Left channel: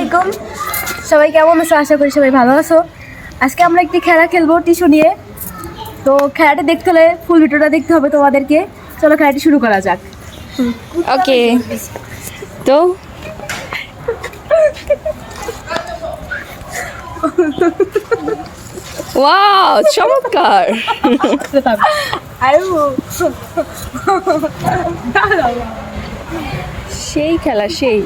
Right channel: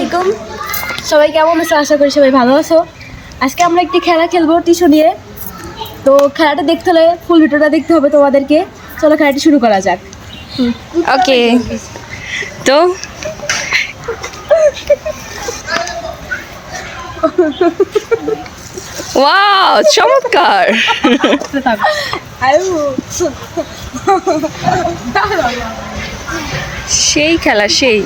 আলাইকুম, সবাই কেমন আছো? আশা করি সবাই ভালো আছো। আজকে আমরা একটি খেলা খেলবো টিস্যু নিয়ে। তো খেলাটা দেখতে হলে ফুল ভিডিওটা দেখতে হবে তোমাদেরকে। চলো খেলাটি শুরু করা যাক। ওকে, তো ওয়াও, চমৎকার। সেই খেলা, সেই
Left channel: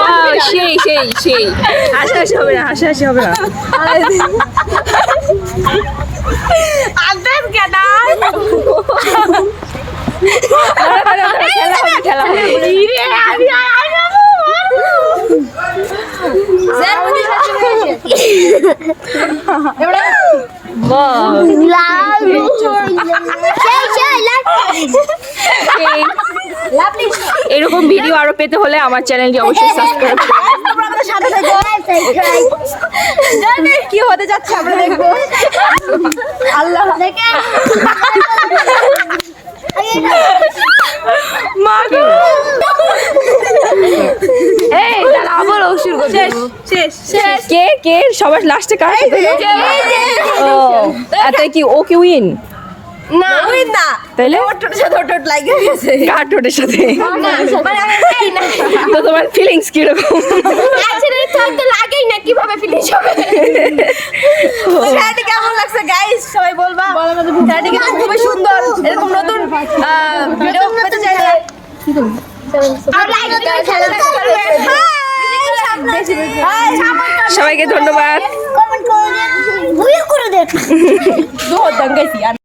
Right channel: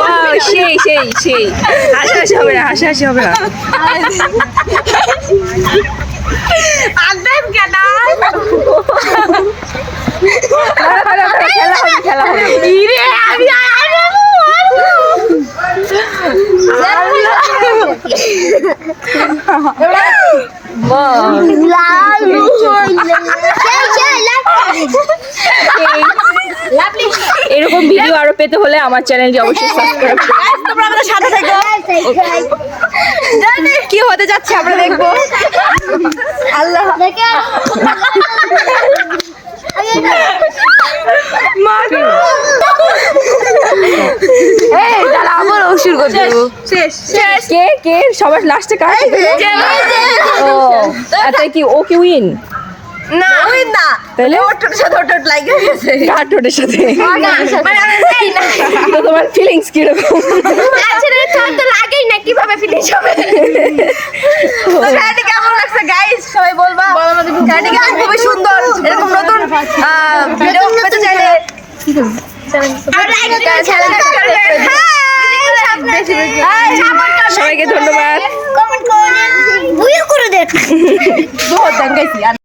Wow, সেই হাসাহাসি হবে না, হাসাহাসি হবে না। খেলা হবে। এরকম ভিডিও আরো পেতে হলে আমার চ্যানেলটি অবশ্যই সাবস্ক্রাইব করুন। কি হতে যাচ্ছে আমরা দেখবো। আল্লাহ আবার অসুর কে কে সবার লাস্টে কার সাথে? ও তাই কি ও কি উইন না উইন না, তাহলে ওটার সাথে ওটা লাগে গেছে। কার টোটের সাথে? মানে তো তোমার ফিলিংস কি রকম? আসলে তো লাগেই না, কিভাবে ফিনিশ হবে? খেলাটি কেমন লাগছে গাইস সবাই বলবা। খেলাটি কিন্তু খুবই সুন্দর। এরকম নতুন ভিডিও পেতে চাইলে সবাইকে ধন্যবাদ। কমেন্ট করে দেন।